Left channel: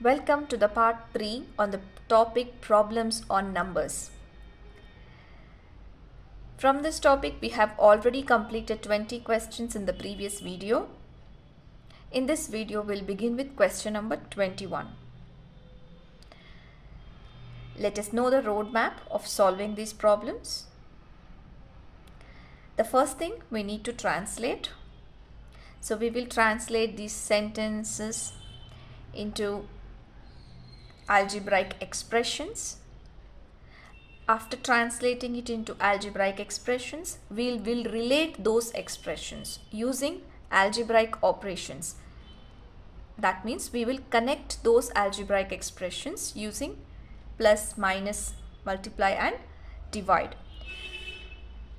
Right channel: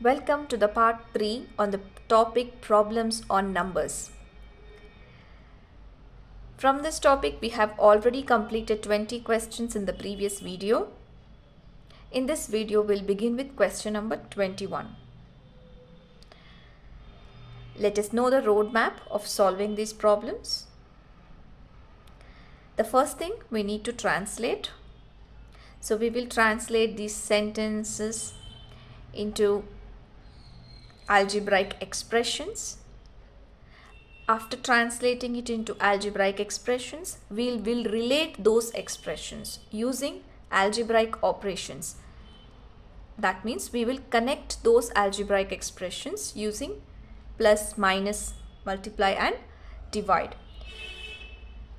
Welcome to the part 3 on the topic problems on numbers. From this topic, we have already completed 20 questions in the previous video. In this video, we'll begin with question number 21. Let us know the roadmap of solving these problems. The first thing we need to translate. So we will translate these sentences into algebraic expressions. After translating it into algebraic expressions, we will relate those expressions using algebraic operations. That means we will connect those algebraic expressions using plus, minus, multiply and divide.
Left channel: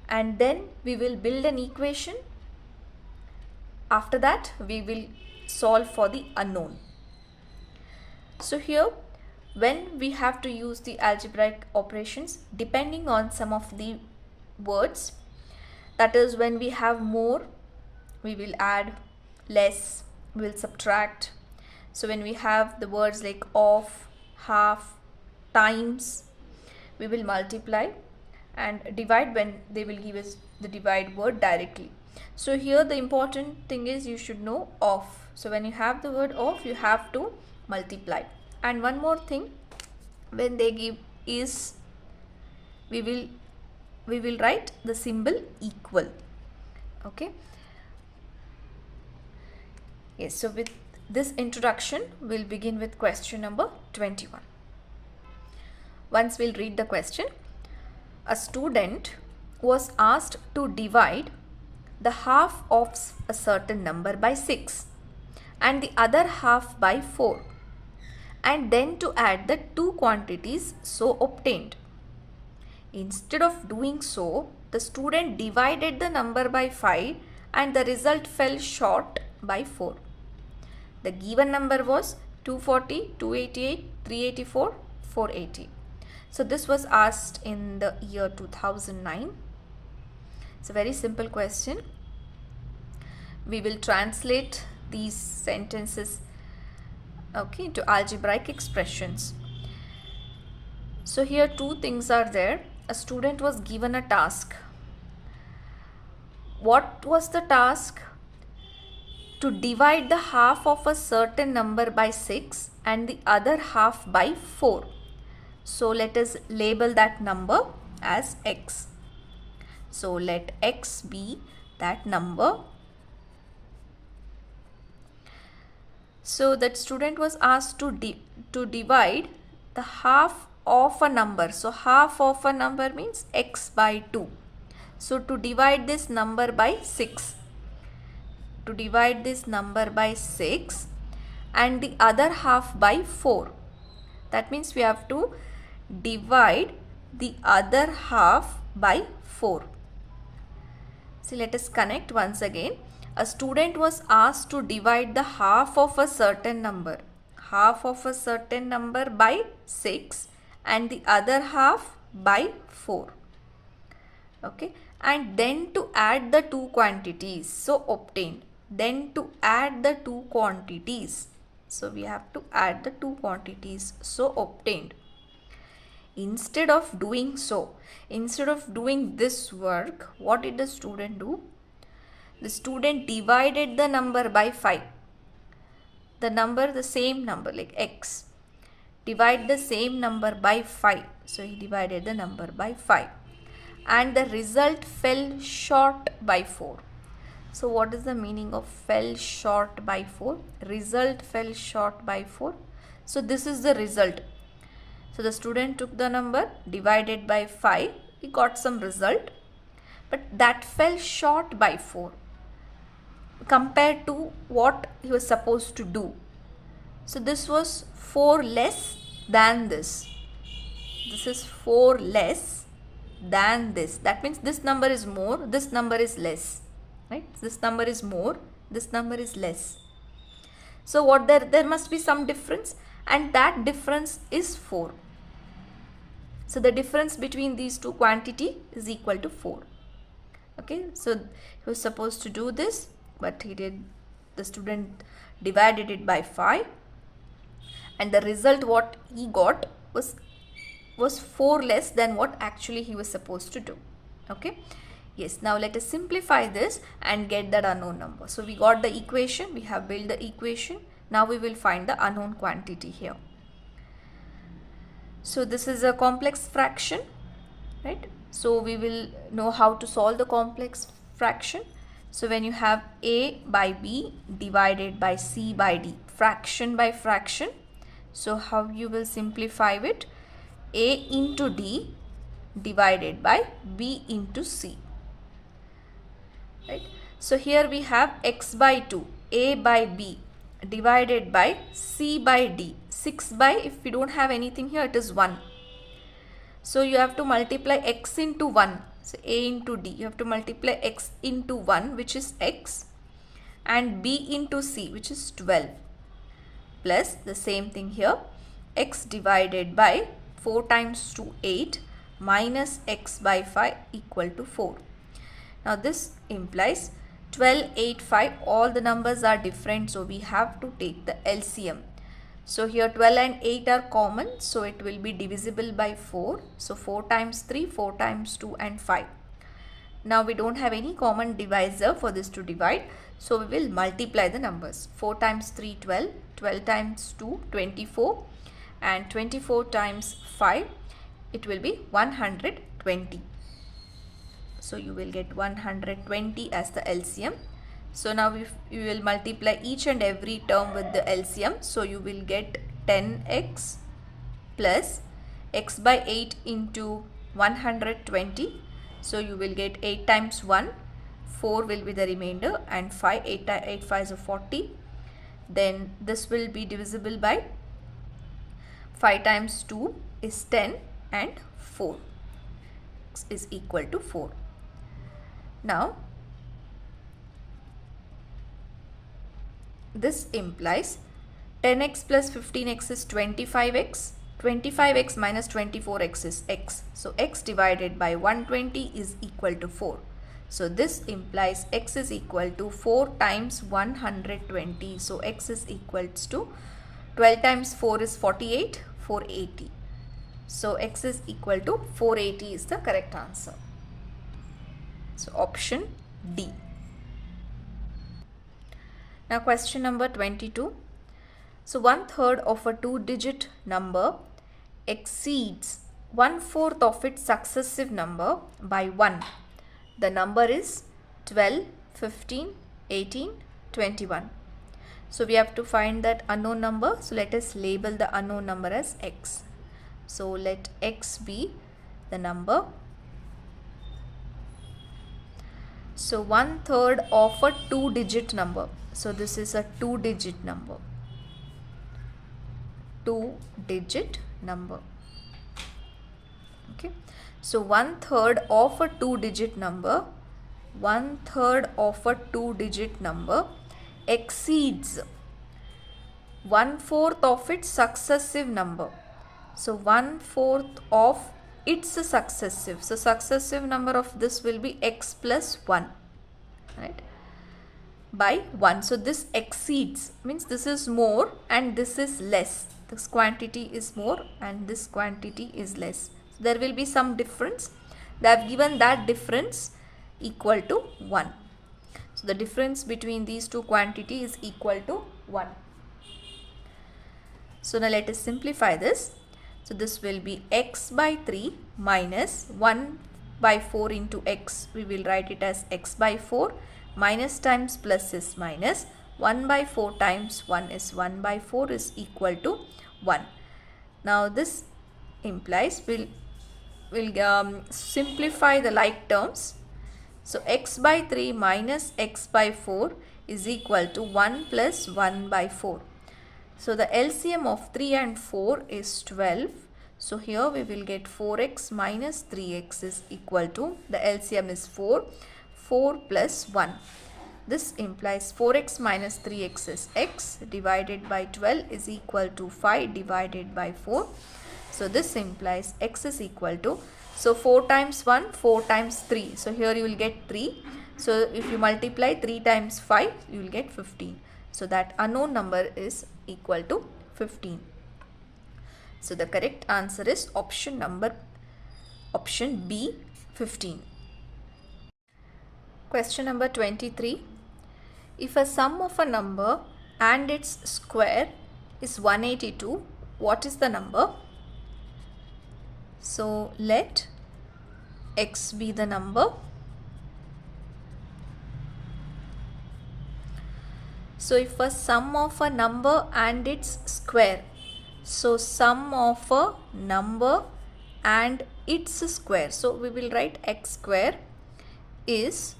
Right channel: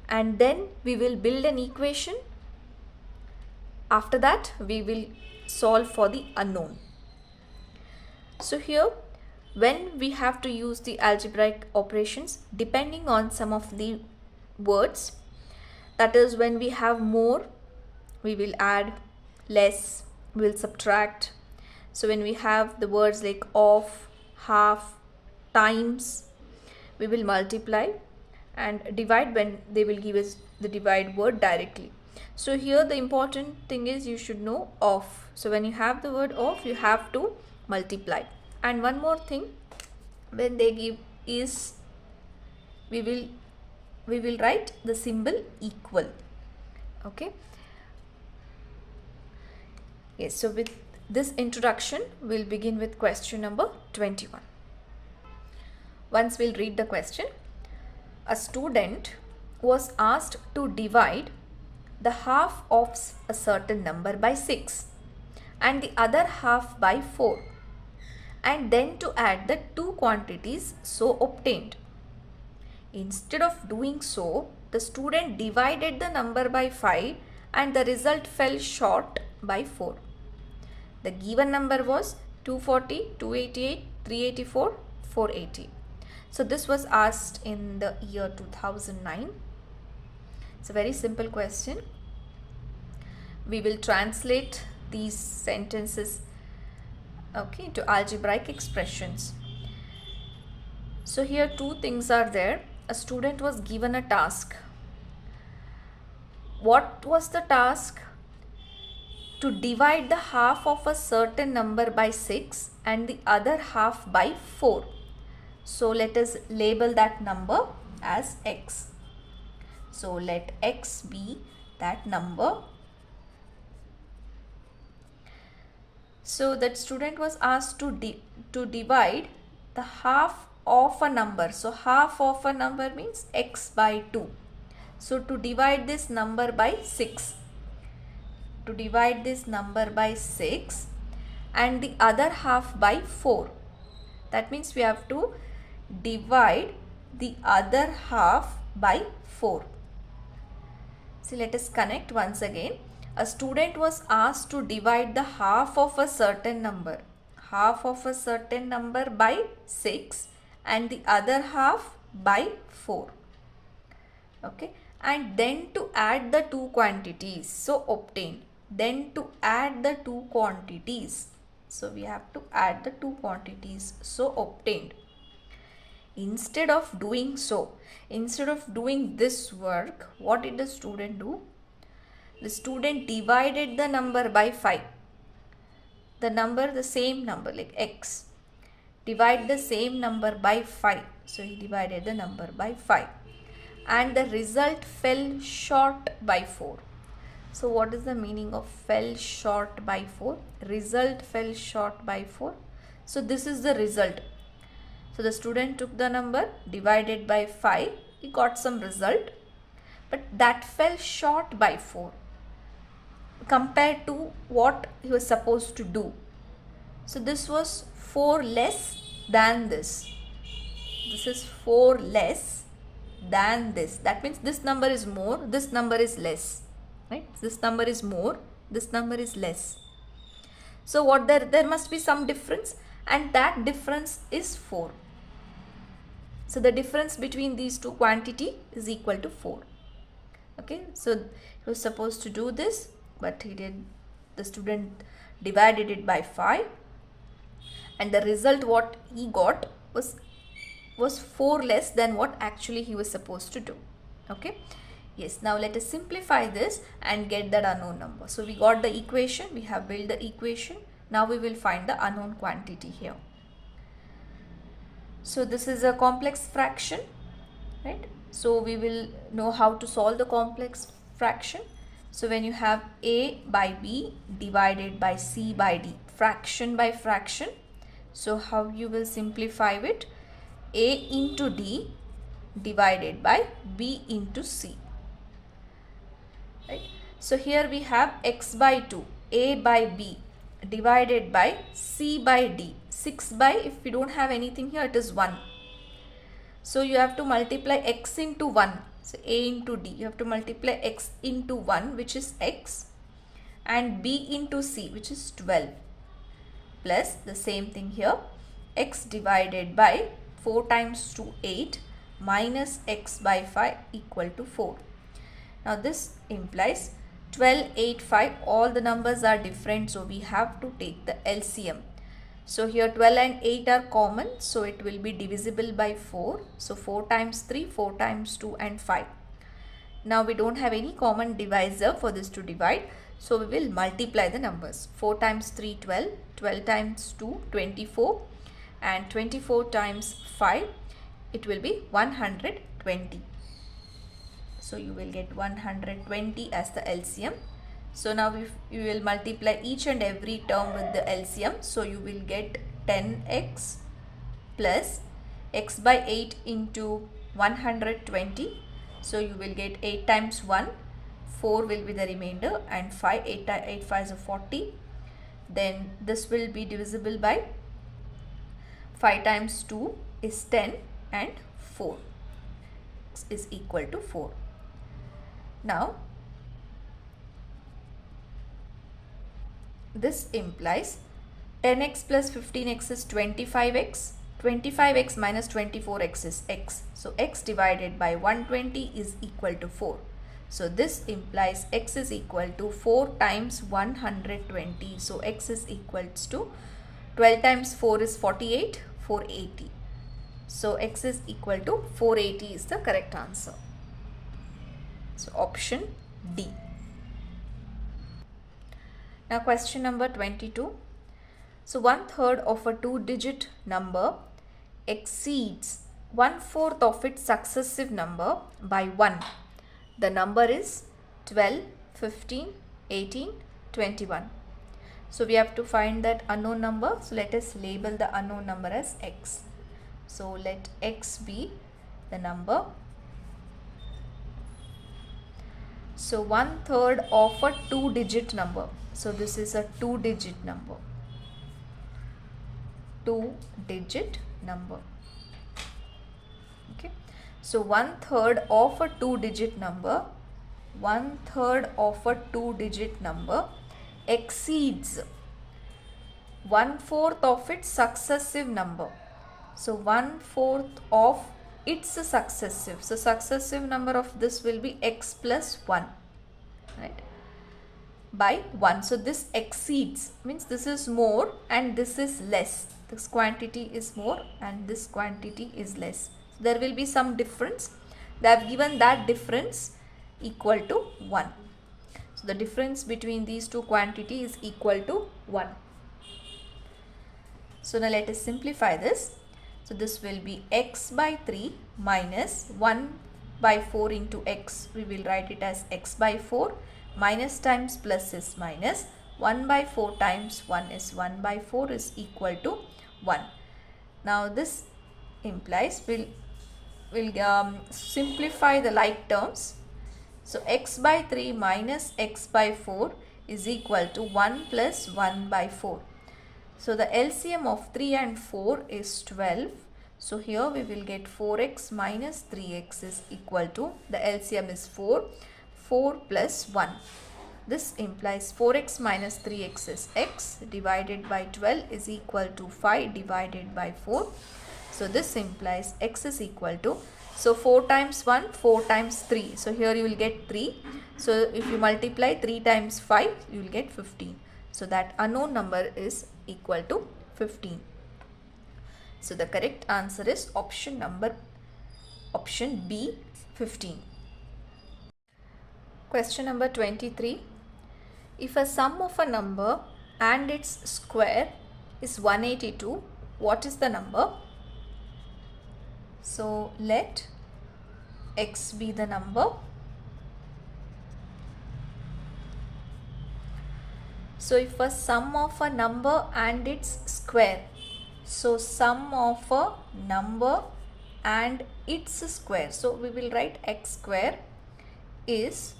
And then we will build an equation. After that, we will solve for the unknown. So here, when we have to use the algebraic operations, depending on some of the words, that is when we have more, we will add, less, we will subtract. So when we have the words like of, half, times, we will multiply, and divide when they will give us the divide word directly. So here the important thing is you should know of. So when you have the word of, you have to multiply. And one more thing, when they give is, we will write the symbol equal. Okay. Yes, so with this introduction, we'll begin with question number 21. Once we'll read the question. A student was asked to divide the half of a certain number by 6 and the other half by 4, and then to add the two quantities so obtained. Instead of doing so, the student divided the number by 5 and the result fell short by 4. The given number was 240, 288, 384, 480. So this was asked in the year 2009. It's a very simple question. We will translate these sentences into algebraic expressions. So here two things are there. A student was given a task. What was the task? To divide the half of a certain number by 6 and the other half by 4. So let us label that number as x. So let x be that number. So that student was asked to divide the half of a number. So half of a number means x by 2. So to divide this number by 6. To divide this number by 6 and the other half by 4. That means we have to divide the other half by 4. So let us connect once again. A student was asked to divide the half of a certain number. Half of a certain number by 6 and the other half by 4. Okay. And then to add the two quantities so obtained. Then to add the two quantities. So we have to add the two quantities so obtained. Instead of doing so, instead of doing this work, what did the student do? The student divided the number by 5. The same number like x. Divide the same number by 5. So he divided the number by 5. And the result fell short by 4. So what is the meaning of fell short by 4? Result fell short by 4. So this is the result. So the student took the number, divided by 5, he got some result, but that fell short by 4 compared to what he was supposed to do. So this was 4 less than this. This is 4 less than this. That means this number is more, this number is less. Right? This number is more, this number is less. So what there must be some difference, and that difference is 4. So the difference between these two quantity is equal to 4. Okay, so he was supposed to do this, but he did. The student divided it by 5 and the result what he got was 4 less than what actually he was supposed to do. Okay. Yes, now let us simplify this and get that unknown number. So we got the equation, we have built the equation. Now we will find the unknown quantity here. So this is a complex fraction, right? So we will know how to solve the complex fraction. So when you have a by b divided by c by d, fraction by fraction, so how you will simplify it? A into d divided by b into c, right? So here we have x by 2, a by b divided by c by d. 6 by, if we don't have anything here, it is 1. So you have to multiply x into 1. So a into d, you have to multiply x into 1, which is x, and b into c, which is 12, plus the same thing here, x divided by 4 times 2, 8, minus x by 5 equal to 4. Now this implies 12, 8, 5, all the numbers are different, so we have to take the LCM. So here 12 and 8 are common, so it will be divisible by 4. So 4 times 3, 4 times 2 and 5. Now we don't have any common divisor for this to divide, so we will multiply the numbers. 4 times 3, 12, 12 times 2, 24, and 24 times 5, it will be 120. So you will get 120 as the LCM. So now if you will multiply each and every term with the LCM, so you will get 10x plus x by 8 into 120. So you will get 8 times 1, 4 will be the remainder, and 5, 8 5 is 40. Then this will be divisible by 5 times 2 is 10, and 4 is equal to 4. Now this implies 10x plus 15x is 25x. 25x minus 24x is x. So x divided by 120 is equal to 4. So this implies x is equal to 4 times 120. So x is equals to 12 times 4 is 48, 480. So x is equal to 480 is the correct answer. So option D. Now question number 22. So 1/3 of a 2-digit number exceeds 1/4 of its successive number by 1. The number is 12, 15, 18, 21. So we have to find that unknown number. So let us label the unknown number as x. So let x be the number. So 1/3 of a 2-digit number. So this is a 2-digit number. 2-digit number. Okay. So 1/3 of a 2-digit number. 1/3 of a 2-digit number exceeds 1/4 of its successive number. So 1/4 of its successive. So successive number of this will be x plus 1, right, by 1. So this exceeds means this is more and this is less. This quantity is more and this quantity is less. So there will be some difference. They have given that difference equal to 1. So the difference between these two quantities is equal to 1. So now let us simplify this. So this will be x by 3 minus 1 by 4 into x. We will write it as x by 4. Minus times plus is minus. 1 by 4 times 1 is 1 by 4 is equal to 1. Now this implies we'll simplify the like terms. So x by 3 minus x by 4 is equal to 1 plus 1 by 4. So the LCM of 3 and 4 is 12. So here we will get 4x minus 3x is equal to, the LCM is 4. 4 plus 1. This implies 4x minus 3x is x divided by 12 is equal to 5 divided by 4. So this implies x is equal to, so 4 times 1, 4 times 3. So here you will get 3. So if you multiply 3 times 5, you will get 15. So that unknown number is equal to 15. So the correct answer is option B, 15. Question number 23. If a sum of a number and its square is 182, what is the number? So let x be the number. So if a sum of a number and its square, so sum of a number and its square, so we will write x square is,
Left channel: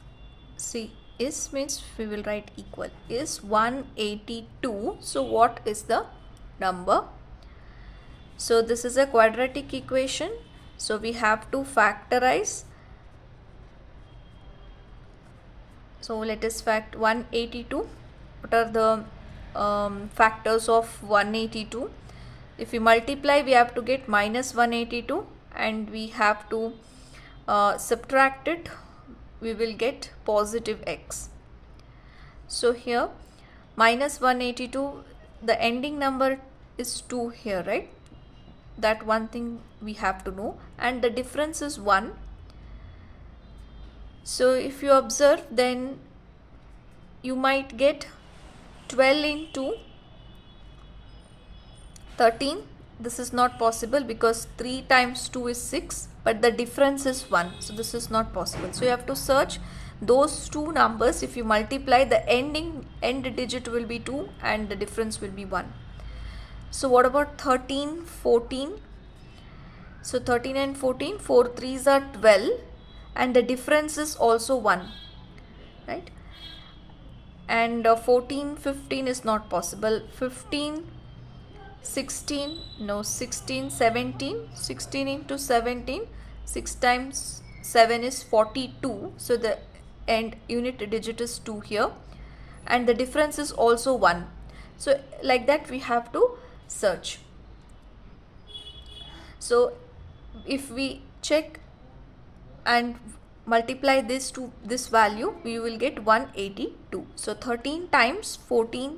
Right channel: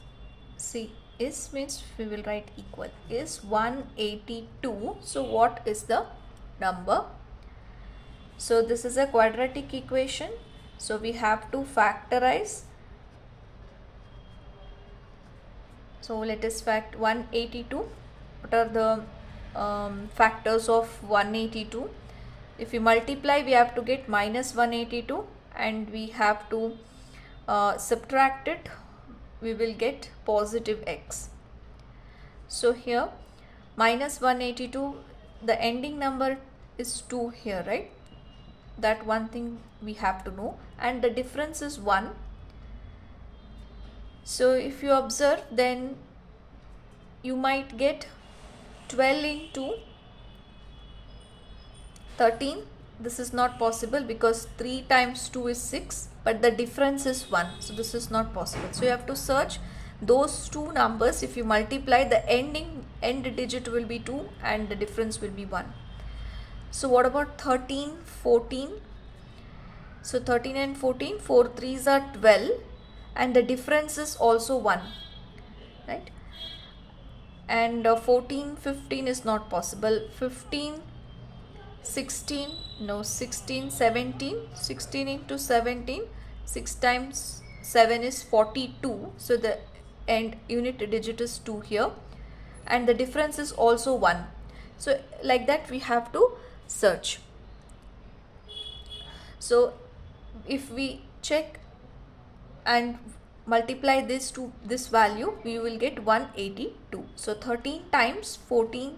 see, is means we will write equal, is 182. So what is the number? So this is a quadratic equation, so we have to factorize. So let us fact 182. What are the factors of 182? If we multiply, we have to get minus 182, and we have to subtract it, we will get positive x. So here minus 182, the ending number is 2 here, right? That one thing we have to know, and the difference is 1. So if you observe, then you might get 12 into 13. This is not possible because 3 times 2 is 6, but the difference is 1. So this is not possible. So you have to search those two numbers. If you multiply, the end digit will be 2 and the difference will be 1. So what about 13, 14? So 13 and 14, 4 3s are 12, and the difference is also 1, right? And 14, 15 is not possible. 15, 16, no, 16, 17, 16 into 17, 6 times 7 is 42. So the end unit digit is 2 here, and the difference is also 1. So like that we have to search. So if we check and multiply this to this value, we will get 182. So 13 times 14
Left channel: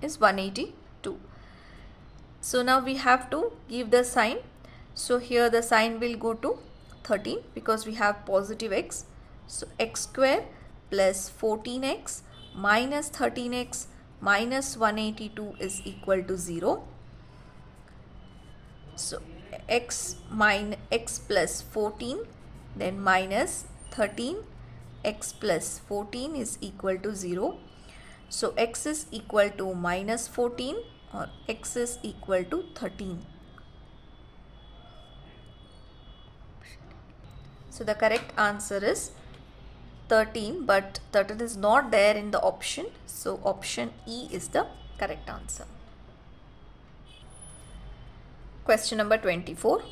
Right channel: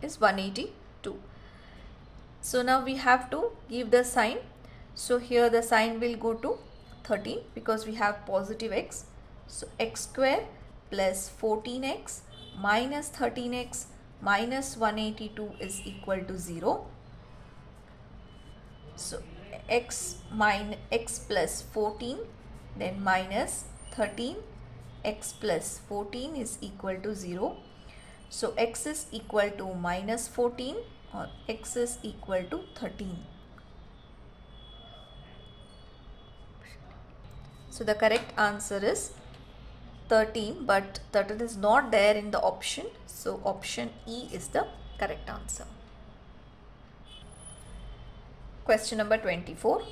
is 182. So now we have to give the sign. So here the sign will go to 13 because we have positive x. So x square plus 14x minus 13x minus 182 is equal to 0. So x plus 14, then minus 13, x plus 14 is equal to 0. So x is equal to minus 14 or x is equal to 13. So the correct answer is 13, but 13 is not there in the option. So option E is the correct answer. Question number 24.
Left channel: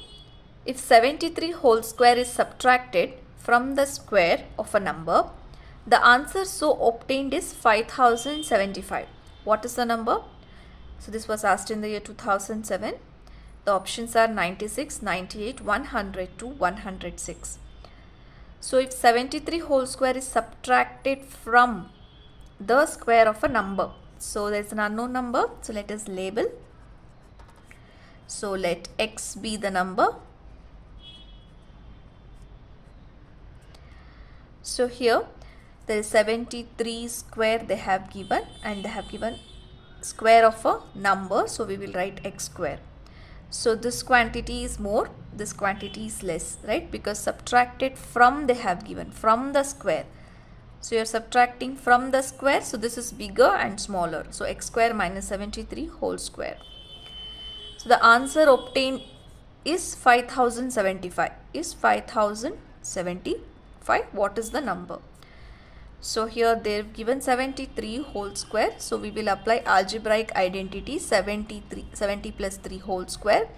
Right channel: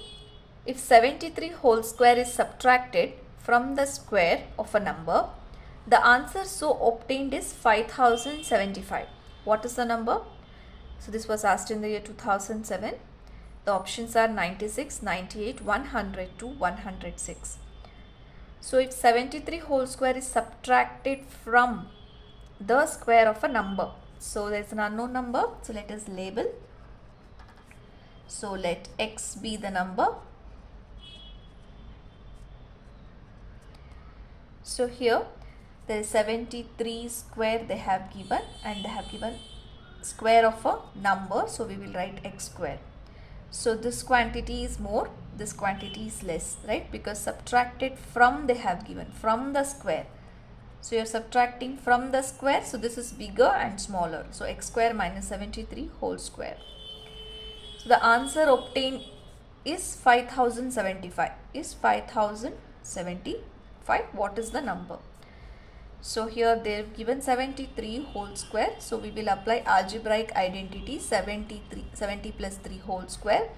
If 73 whole square is subtracted from the square of a number, the answer so obtained is 5075. What is the number? So this was asked in the year 2007. The options are 96, 98, 100 to 106. So if 73 whole square is subtracted from the square of a number, so there is an unknown number, so let us label. So let x be the number. So here there is 73 square they have given, and they have given square of a number, so we will write x square. So this quantity is more, this quantity is less, right? Because subtracted from they have given, from the square. So you are subtracting from the square, so this is bigger and smaller. So x square minus 73 whole square. So the answer obtained is 5075. Is 5075. What is the number? So here they have given 73 whole square. So we will apply algebraic identity 70 plus 3 whole square.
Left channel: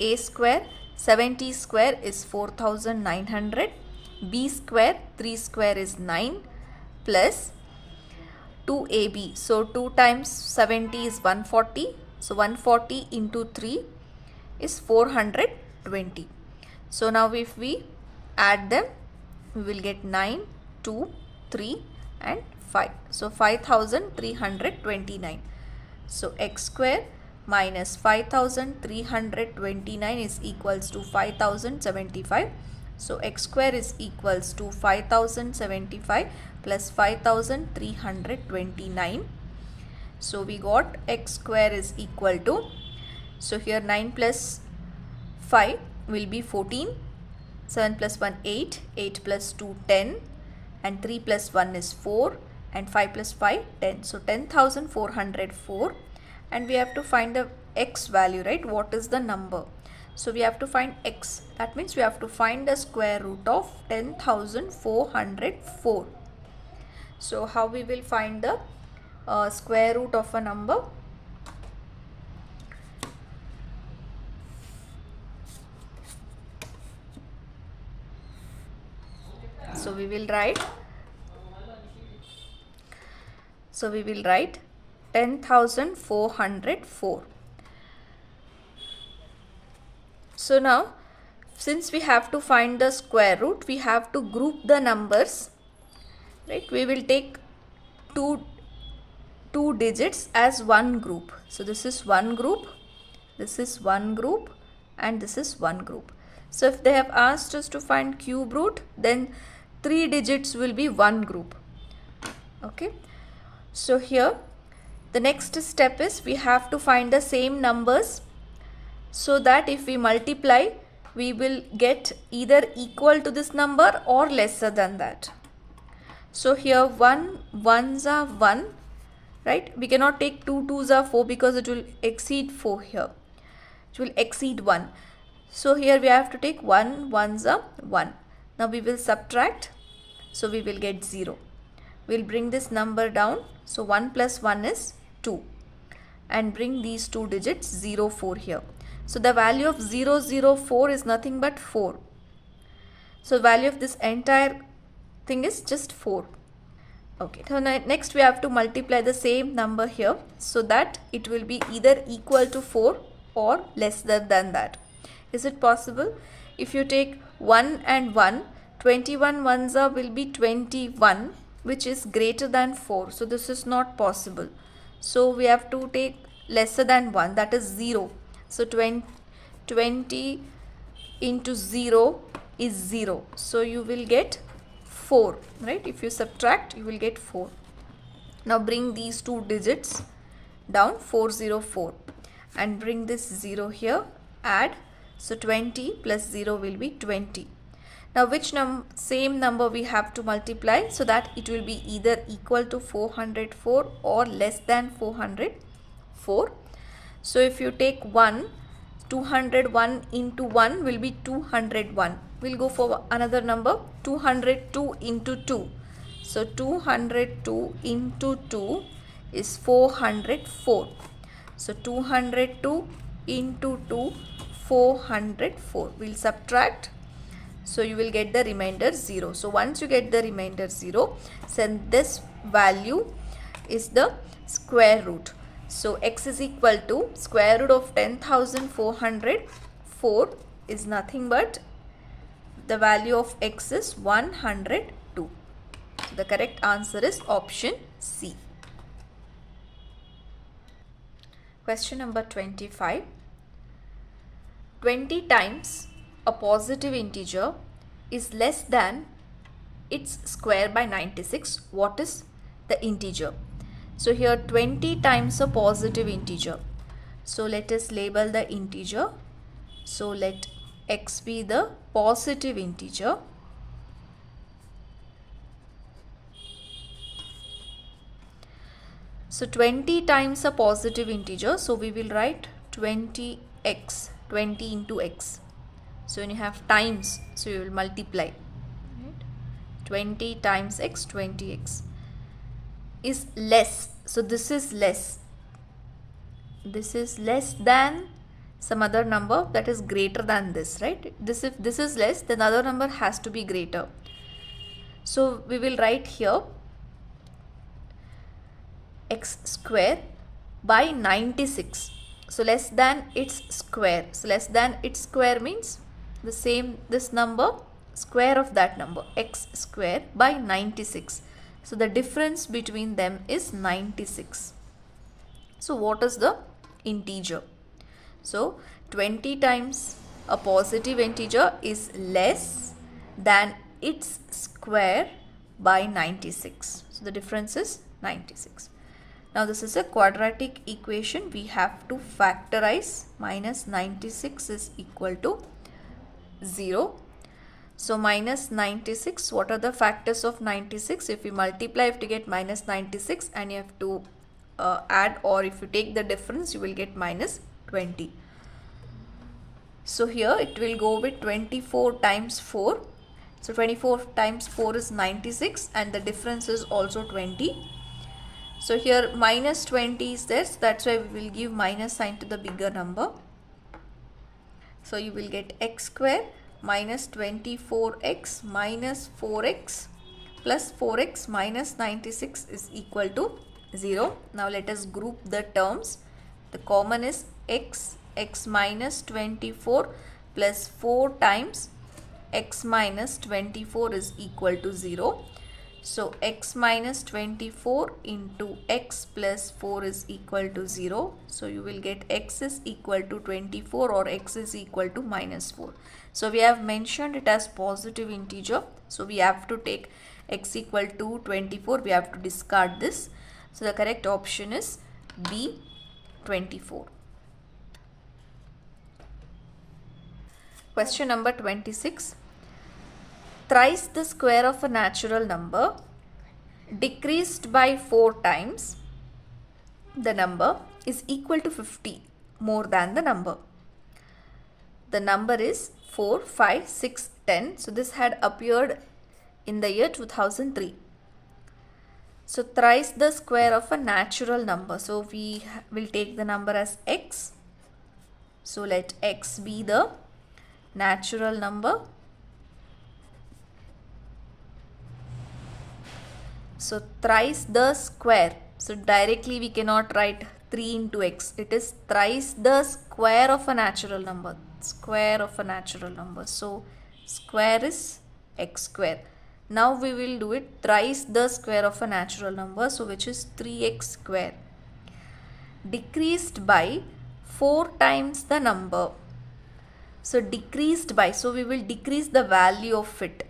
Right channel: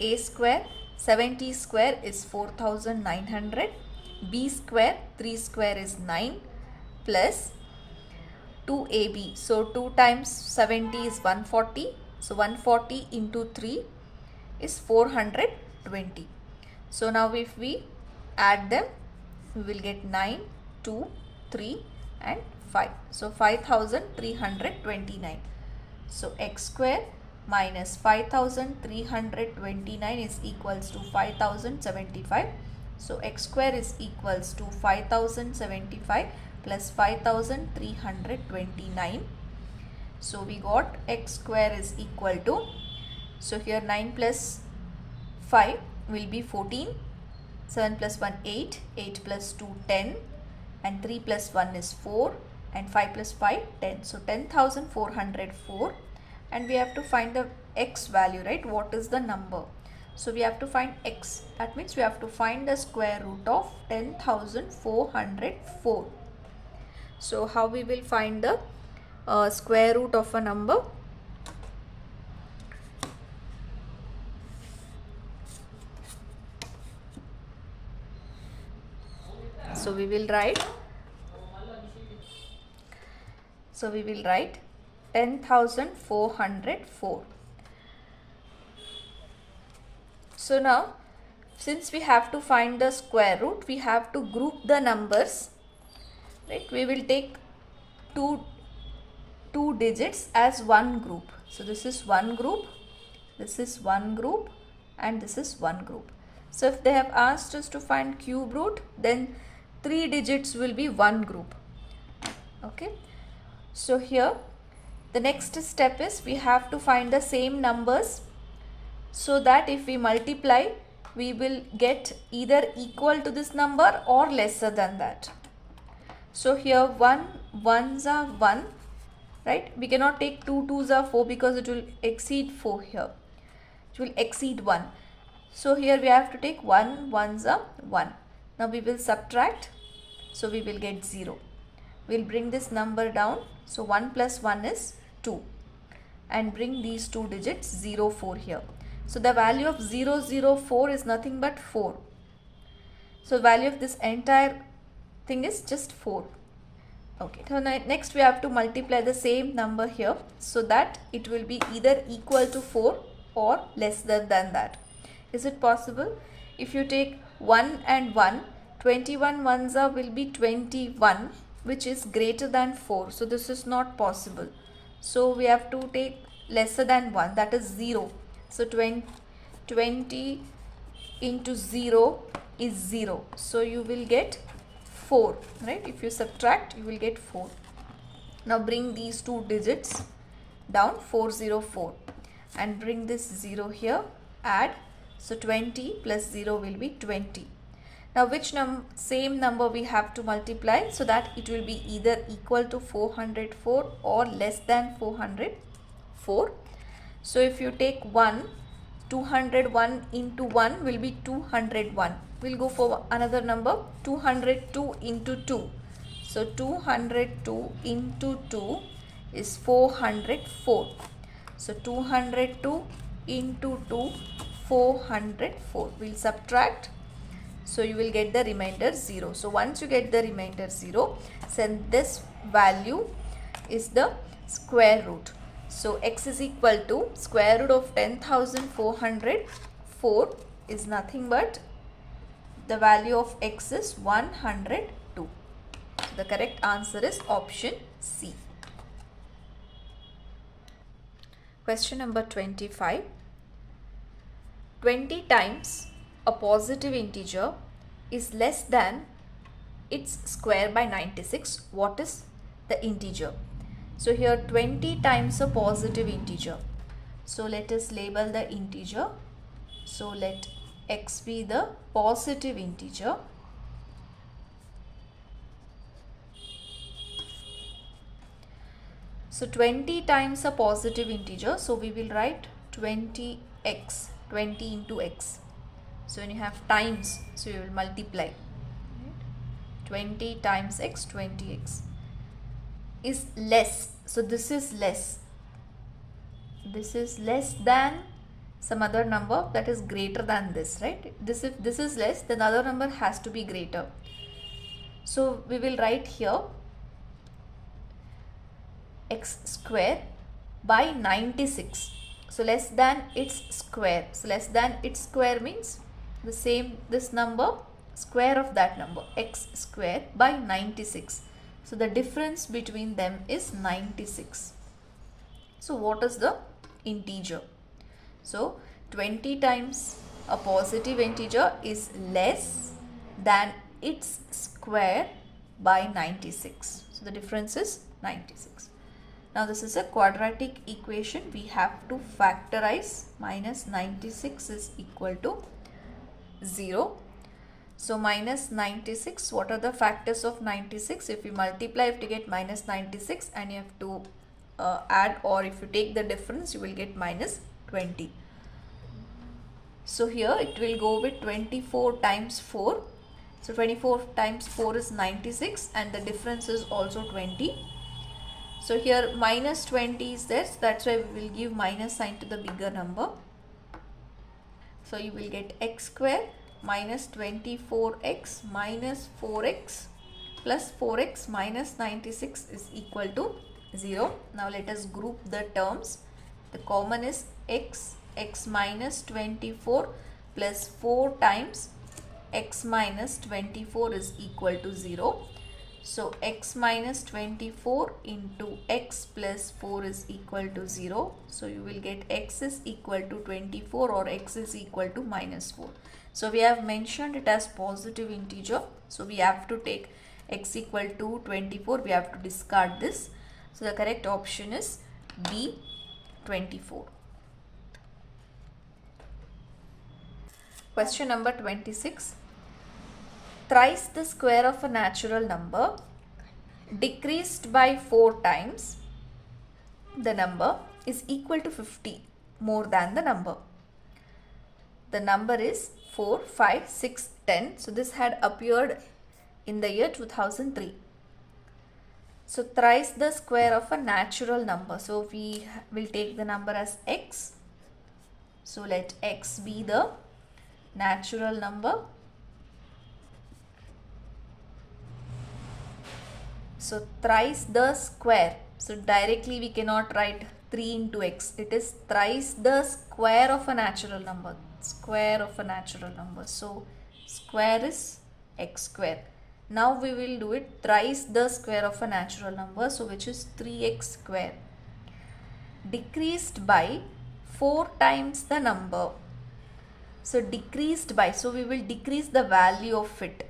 A square 70 square is 4900. B square 3 square is 9 plus 2ab. So 2 times 70 is 140. So 140 into 3 is 420. So now if we add them, we will get 9, 2, 3 and 5. So 5329. So x square minus 5329 is equals to 5075. So x square is equals to 5075 plus 5329. So we got x square is equal to, so here 9 plus 5 will be 14, 7 plus 1 8, 8 plus 2 10, and 3 plus 1 is 4, and 5 plus 5 10. So 10,404, and we have to find the x value, right? What is the number? So we have to find x. That means we have to find the square root of 10,404. So how we will find the square root of a number? So we will write 10,404. So now, since we have to find the square root, we have to group the numbers, right? We will take two digits as one group. So this is one group, this is one group, and this is one group. So if they have asked us to find cube root, then 3 digits will be one group. Okay. So here the next step is we have to find the same numbers, so that if we multiply, we will get either equal to this number or lesser than that. So here 1 ones are 1, right? We cannot take 2 twos are 4 because it will exceed 4 here. It will exceed 1. So here we have to take 1 ones are 1. Now we will subtract, so we will get 0. We'll bring this number down. So 1 plus 1 is 2, and bring these two digits 0 4 here. So the value of 0 0 4 is nothing but 4. So value of this entire thing is just 4. Okay, so next we have to multiply the same number here, so that it will be either equal to 4 or lesser than that. Is it possible? If you take 1 and 1, 21 ones are will be 21, which is greater than 4. So this is not possible. So we have to take lesser than 1, that is 0. So 20 into 0 is 0. So you will get 4, right? If you subtract, you will get 4. Now bring these two digits down, 404, and bring this 0 here, add. So 20 plus 0 will be 20. Now which same number we have to multiply, so that it will be either equal to 404 or less than 404. So if you take 1, 201 into 1 will be 201. We'll go for another number, 202 into 2. So 202 into 2 is 404. So 202 into 2, 404. We'll subtract. So you will get the remainder 0. So once you get the remainder 0, then this value is the square root. So x is equal to square root of 10,404 is nothing but the value of x is 102. So the correct answer is option C. Question number 25. 20 times a positive integer is less than its square by 96. What is the integer? So here 20 times a positive integer. So let us label the integer. So let x be the positive integer. So 20 times a positive integer. So we will write 20x, 20 into x. So when you have times, so you will multiply. Right? 20 times x, 20x is less. So this is less. This is less than some other number that is greater than this, right? If this is less, then other number has to be greater. So we will write here x square by 96. So less than its square. So less than its square means this number, square of that number, x square by 96. So the difference between them is 96. So what is the integer. So 20 times a positive integer is less than its square by 96. So the difference is 96. Now this is a quadratic equation. We have to factorize. Minus 96 is equal to 0. So minus 96, what are the factors of 96? If you multiply, you have to get minus 96, and you have to add, or if you take the difference, you will get minus 20. So here it will go with 24 times 4. So 24 times 4 is 96, and the difference is also 20. So here minus 20 is there, so that's why we will give minus sign to the bigger number. So you will get x square minus 24x minus 4x plus 4x minus 96 is equal to 0. Now let us group the terms. The common is x minus 24 plus 4 times x minus 24 is equal to 0. So x minus 24 into x plus 4 is equal to 0. So you will get x is equal to 24 or x is equal to minus 4. So we have mentioned it as positive integer. So we have to take x equal to 24. We have to discard this. So the correct option is B, 24. Question number 26. Thrice the square of a natural number decreased by 4 times the number is equal to 50 more than the number. The number is 4, 5, 6, 10. So this had appeared in the year 2003. So thrice the square of a natural number. So we will take the number as x. So let x be the natural number. So thrice the square. So directly we cannot write 3 into x. It is thrice the square of a natural number. Square of a natural number. So square is x square. Now we will do it thrice the square of a natural number. So which is 3x square. Decreased by 4 times the number. So decreased by. So we will decrease the value of it.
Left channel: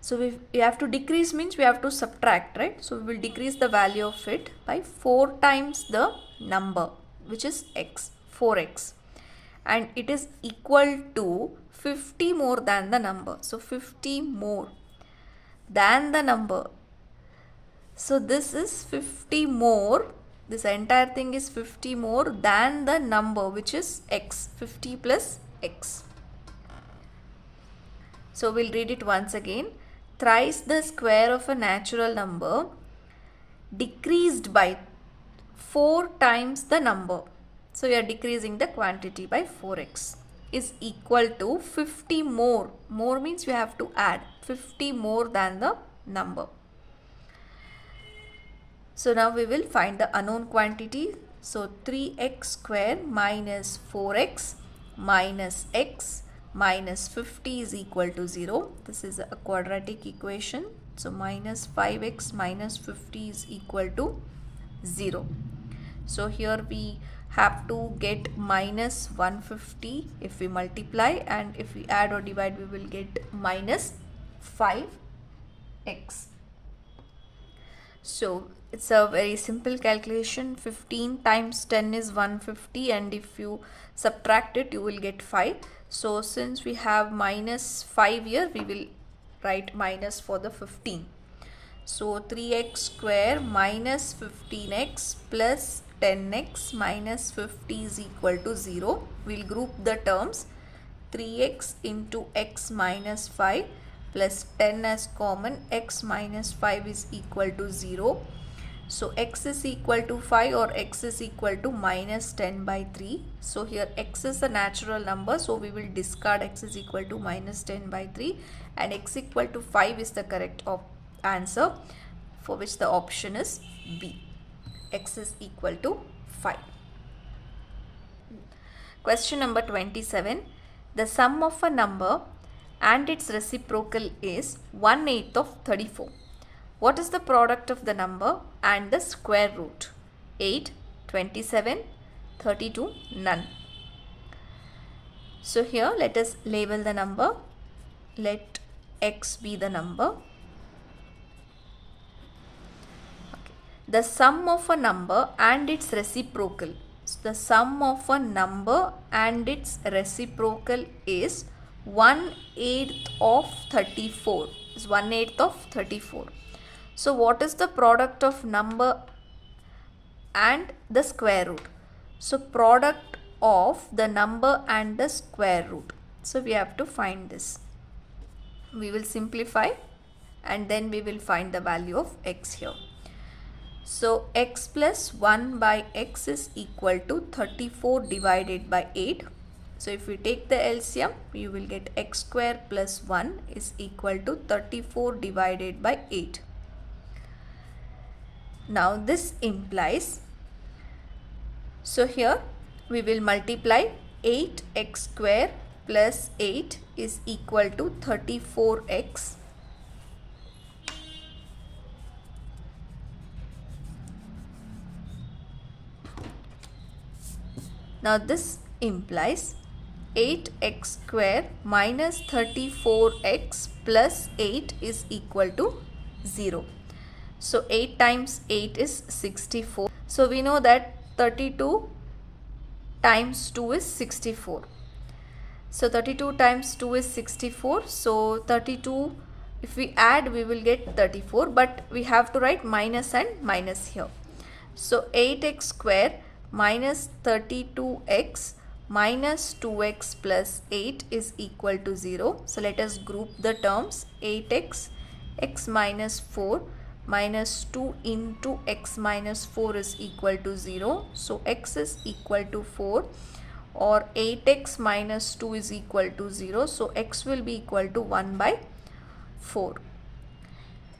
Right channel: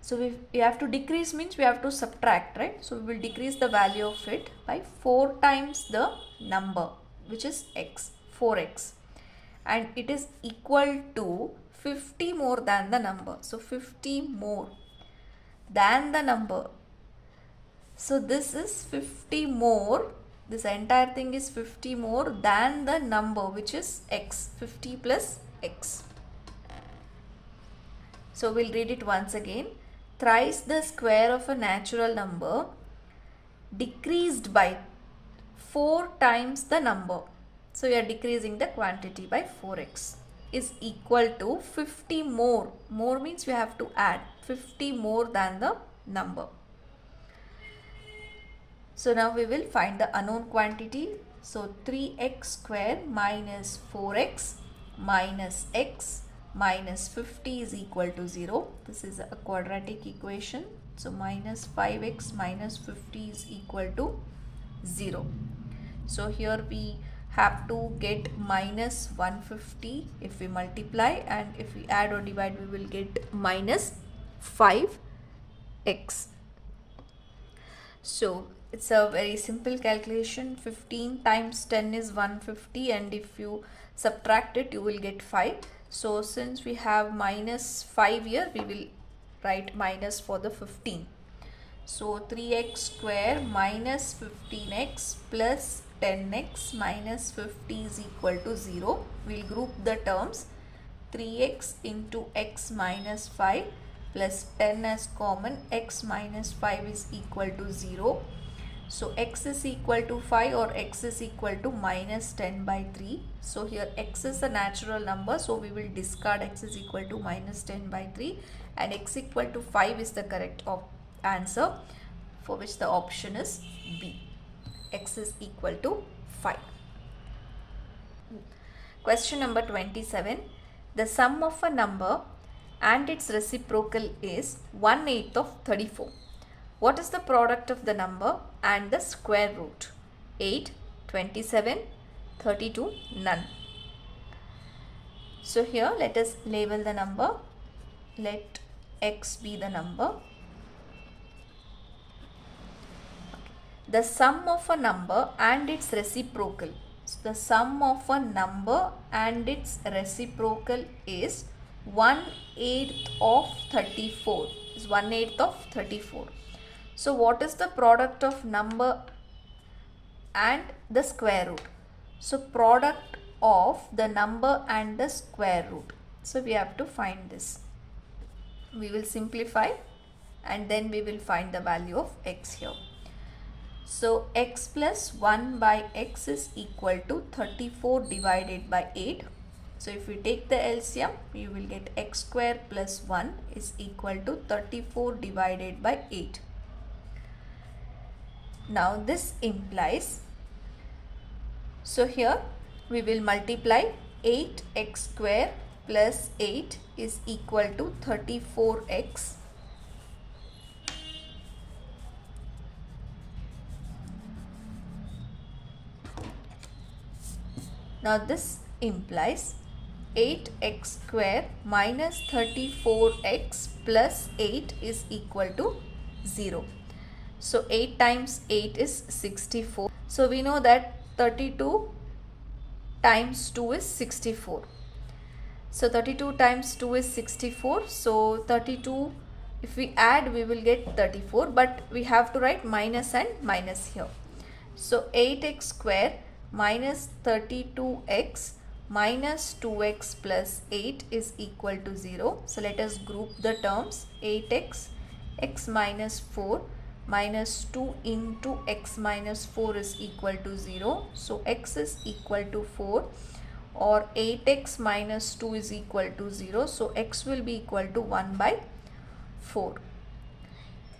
So we have to decrease means we have to subtract, right? So we will decrease the value of it by 4 times the number, which is x, 4x. And it is equal to 50 more than the number. So 50 more than the number. So this is 50 more. This entire thing is 50 more than the number, which is x, 50 plus x. So we'll read it once again. Thrice the square of a natural number decreased by 4 times the number. So we are decreasing the quantity by 4x is equal to 50 more. More means we have to add 50 more than the number. So now we will find the unknown quantity. So 3x square minus 4x minus x minus 50 is equal to 0. This is a quadratic equation. So minus 5x minus 50 is equal to 0. So here we have to get minus 150 if we multiply, and if we add or divide we will get minus 5x. So it's a very simple calculation. 15 times 10 is 150, and if you subtract it you will get 5. So since we have minus 5 here, we will write minus for the 15. So 3x square minus 15x plus 10x minus 50 is equal to 0. We will group the terms. 3x into x minus 5 plus 10 as common. X minus 5 is equal to 0. So x is equal to 5 or x is equal to minus 10 by 3. So here x is a natural number, so we will discard x is equal to minus 10 by 3, and x equal to 5 is the correct answer, for which the option is B. X is equal to 5. Question number 27. The sum of a number and its reciprocal is 1/8 of 34. What is the product of the number and the square root? 8, 27, 32 none. So here let us label the number. Let x be the number. The sum of a number and its reciprocal. So the sum of a number and its reciprocal is 1/8 of 34. Is 1/8 of 34. So what is the product of number and the square root? So product of the number and the square root. So we have to find this. We will simplify and then we will find the value of x here. So x plus 1 by x is equal to 34 divided by 8. So if we take the LCM, you will get x square plus 1 is equal to 34 divided by 8. Now this implies, so here we will multiply 8x square plus 8 is equal to 34x. Now this implies 8x square minus 34x plus 8 is equal to 0. So 8 times 8 is 64. So we know that 32 times 2 is 64. So 32 times 2 is 64. So 32, if we add, we will get 34, but we have to write minus and minus here. So 8x square minus 32x minus 2x plus 8 is equal to 0. So let us group the terms. 8x, x minus 4 minus 2 into x minus 4 is equal to 0. So x is equal to 4, or 8x minus 2 is equal to 0. So x will be equal to 1 by 4.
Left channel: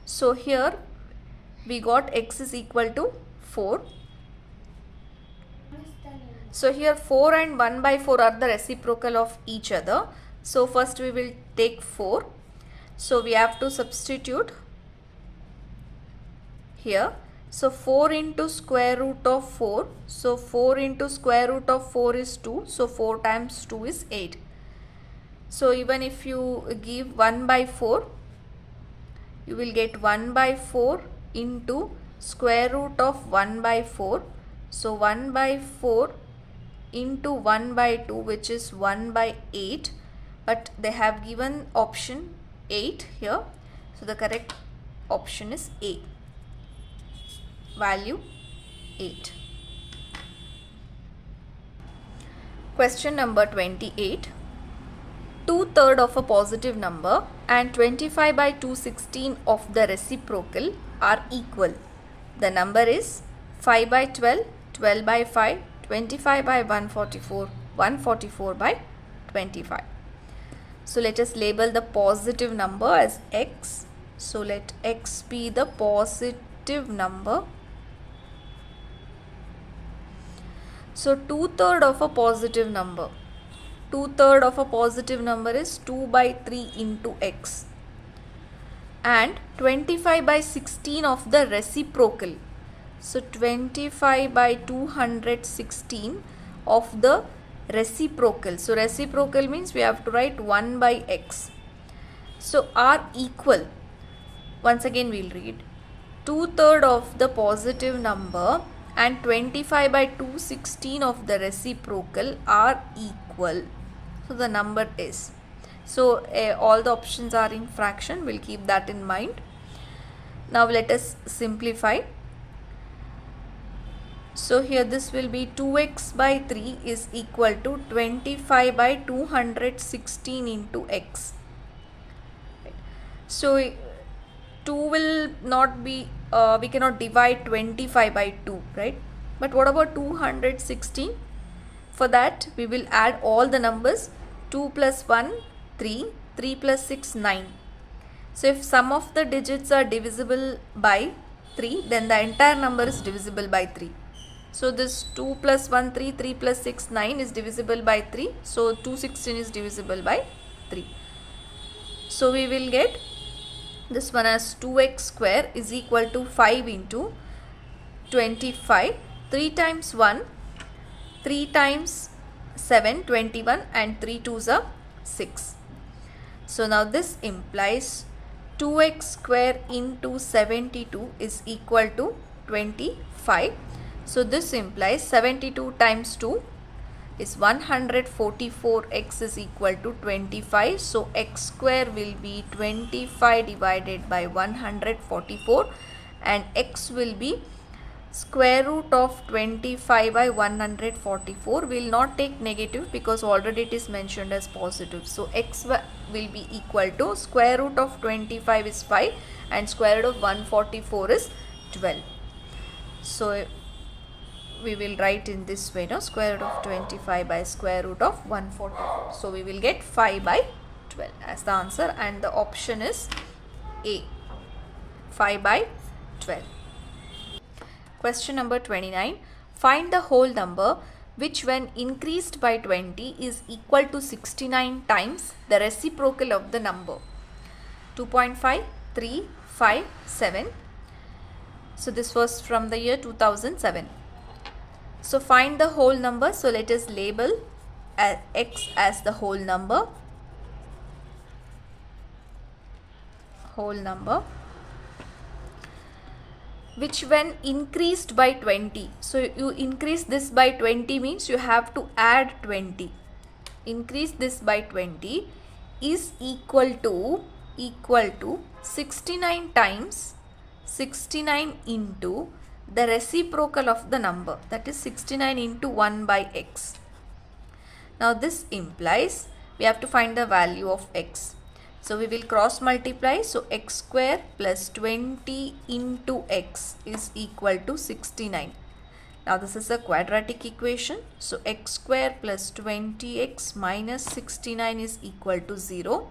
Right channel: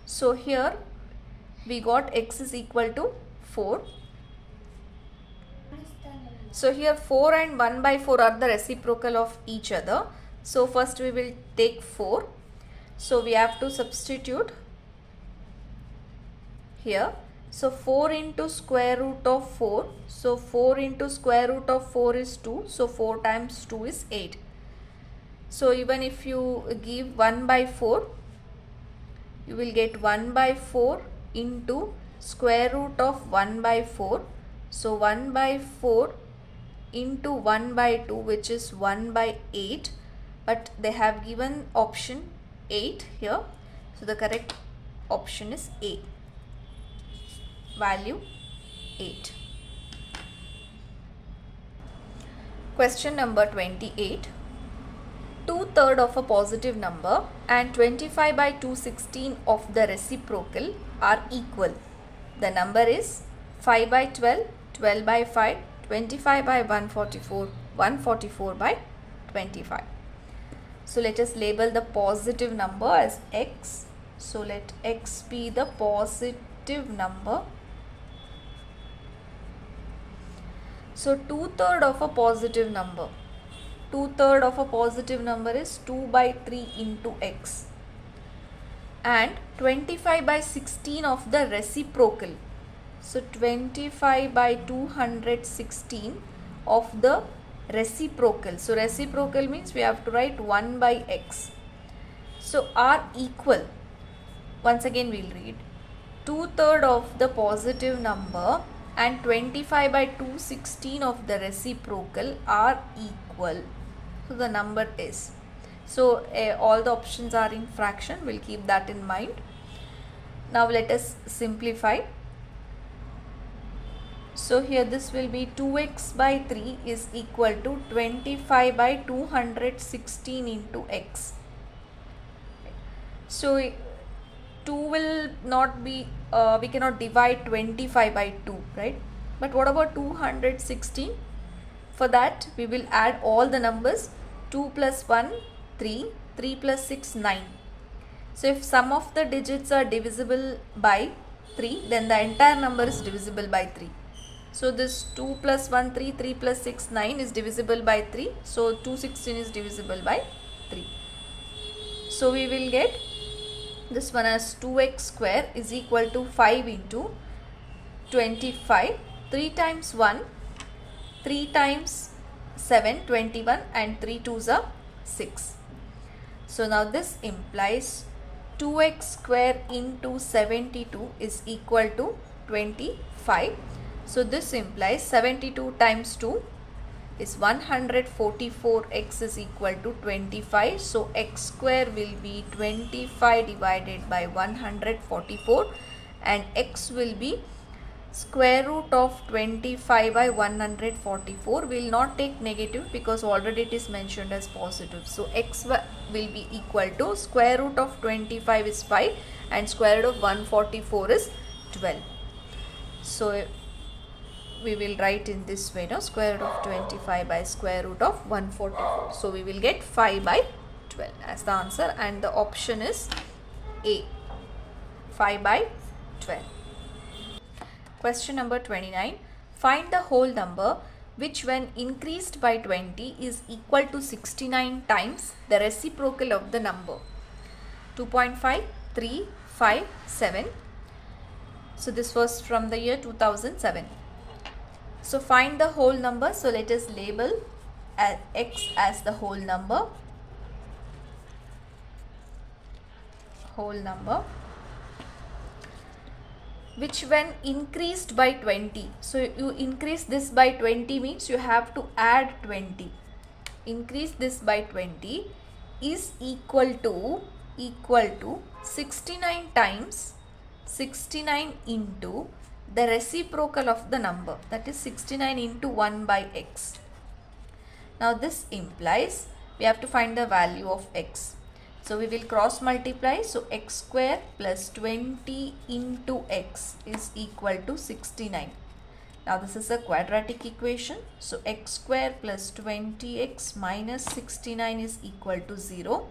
So here we got x is equal to 4. So here 4 and 1 by 4 are the reciprocal of each other. So first we will take 4. So we have to substitute here. So 4 into square root of 4. So 4 into square root of 4 is 2. So 4 times 2 is 8. So even if you give 1 by 4, you will get 1 by 4 into square root of 1 by 4. So 1 by 4 into 1 by 2, which is 1 by 8, but they have given option 8 here. So the correct option is A, value 8. Question number 28. 2/3 of a positive number and 25 by 216 of the reciprocal are equal. The number is 5 by 12, 12 by 5, 25 by 144, 144 by 25. So let us label the positive number as x. So let x be the positive number. So 2/3 of a positive number. 2/3 of a positive number is 2 by 3 into x. And 25 by 16 of the reciprocal. So 25 by 216 of the reciprocal. So reciprocal means we have to write 1 by x. So are equal. Once again we will read. 2/3 of the positive number and 25 by 216 of the reciprocal are equal. So the number is. So all the options are in fraction. We'll keep that in mind. Now let us simplify. So here this will be 2x by 3 is equal to 25 by 216 into x. So 2 will not be, we cannot divide 25 by 2, right? But what about 216? For that we will add all the numbers. 2 plus 1, 3, 3 plus 6, 9. So if sum of the digits are divisible by 3, then the entire number is divisible by 3. So this 2 plus 1, 3, 3 plus 6, 9 is divisible by 3. So 216 is divisible by 3. So we will get this one as 2x square is equal to 5 into 25. 3 times 1, 3 times 7, 21, and 3 2s are 6. So now this implies 2x square into 72 is equal to 25. So this implies 72 times 2 is 144, x is equal to 25. So x square will be 25 divided by 144 and x will be square root of 25 by 144. Will not take negative because already it is mentioned as positive. So x will be equal to square root of 25 is 5 and square root of 144 is 12. So we will write in this way, no, square root of 25 by square root of 144. So we will get 5 by 12 as the answer, and the option is A, 5 by 12. Question number 29. Find the whole number which when increased by 20 is equal to 69 times the reciprocal of the number. 2.5, 3, 5, 7. So this was from the year 2007. So find the whole number. So let us label x as the whole number. Whole number which when increased by 20. So you increase this by 20 means you have to add 20. Increase this by 20 is equal to 69 times 69 into the reciprocal of the number, that is 69 into 1 by x. Now this implies we have to find the value of x. So we will cross multiply. So x square plus 20 into x is equal to 69. Now this is a quadratic equation. So x square plus 20x minus 69 is equal to 0.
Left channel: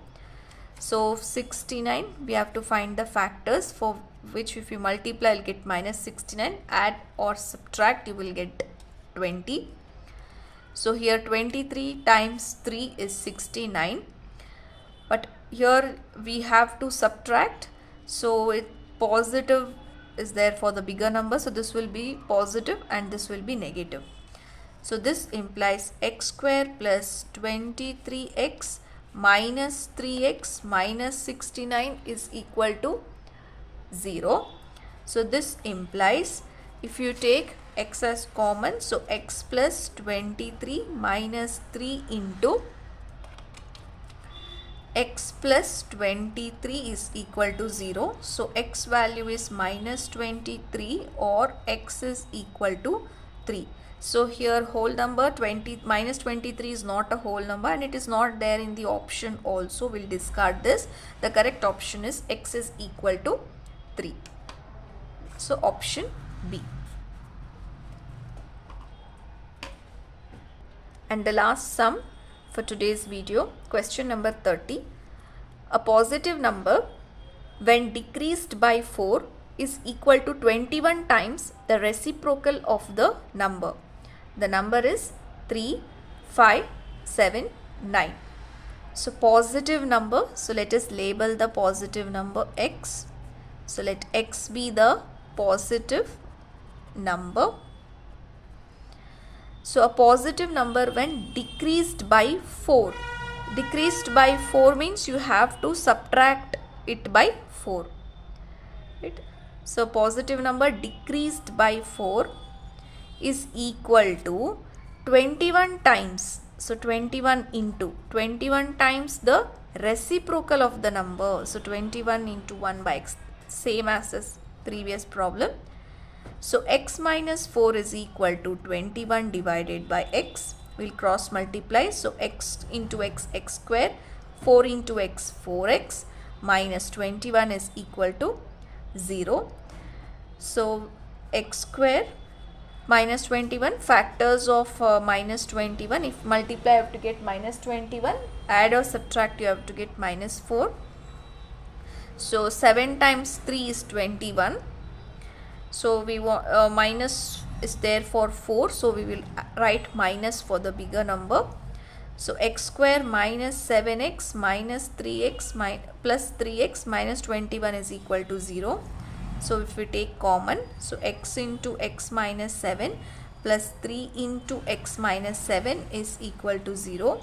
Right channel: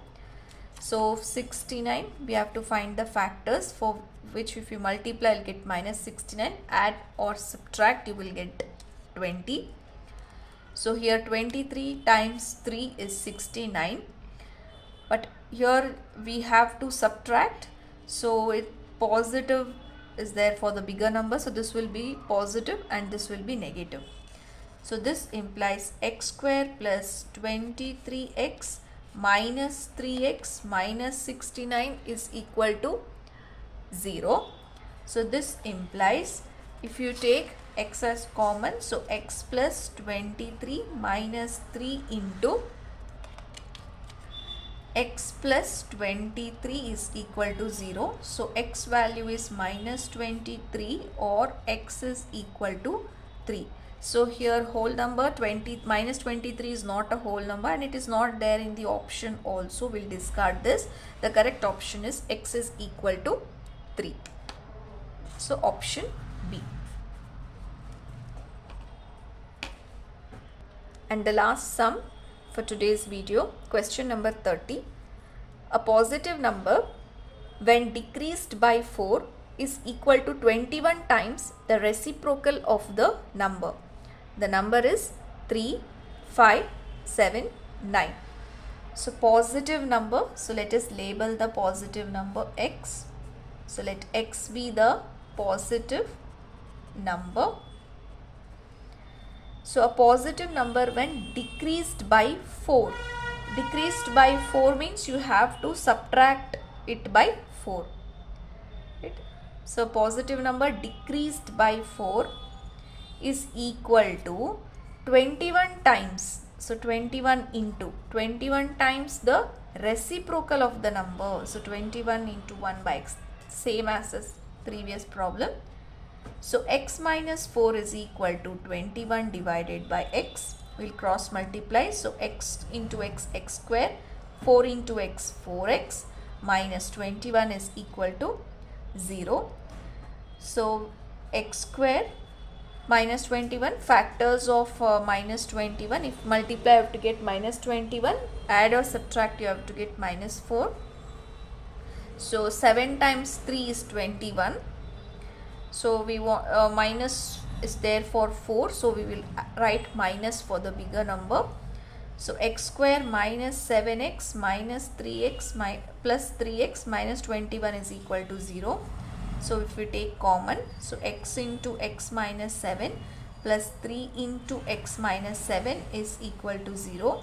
So 69, we have to find the factors for which if you multiply you will get minus 69. Add or subtract you will get 20. So here 23 times 3 is 69. But here we have to subtract. So positive is there for the bigger number. So this will be positive and this will be negative. So this implies x square plus 23x minus 3x minus 69 is equal to 0. So this implies if you take x as common, so x plus 23 minus 3 into x plus 23 is equal to 0. So x value is minus 23 or x is equal to 3. So here whole number minus 23 is not a whole number and it is not there in the option also. We'll discard this. The correct option is x is equal to 3. So option B. And the last sum for today's video, question number 30. A positive number when decreased by 4 is equal to 21 times the reciprocal of the number. The number is 3, 5, 7, 9. So positive number. So let us label the positive number x. So let x be the positive number. So a positive number when decreased by 4. Decreased by 4 means you have to subtract it by 4. Right? So positive number decreased by 4 is equal to 21 times. So 21 into 21 times the reciprocal of the number. So 21 into 1 by x, same as this previous problem. So x minus 4 is equal to 21 divided by x. We'll cross multiply. So x into x, x square, 4 into x, 4x, minus 21 is equal to 0. So x square minus 21, factors of minus 21. If multiply you have to get minus 21, add or subtract you have to get minus 4. So 7 times 3 is 21. So we want minus is there for 4. So we will write minus for the bigger number. So x square minus 7x minus 3x plus 3x minus 21 is equal to 0. So if we take common, so x into x minus 7 plus 3 into x minus 7 is equal to 0.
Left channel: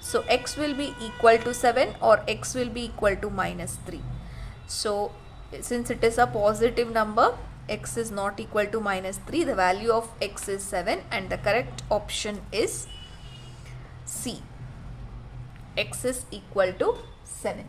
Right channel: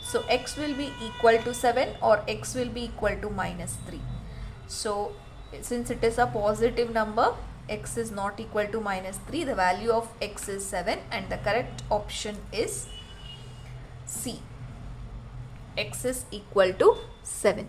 So x will be equal to 7 or x will be equal to minus 3. So since it is a positive number, x is not equal to minus 3. The value of x is 7 and the correct option is C. X is equal to 7.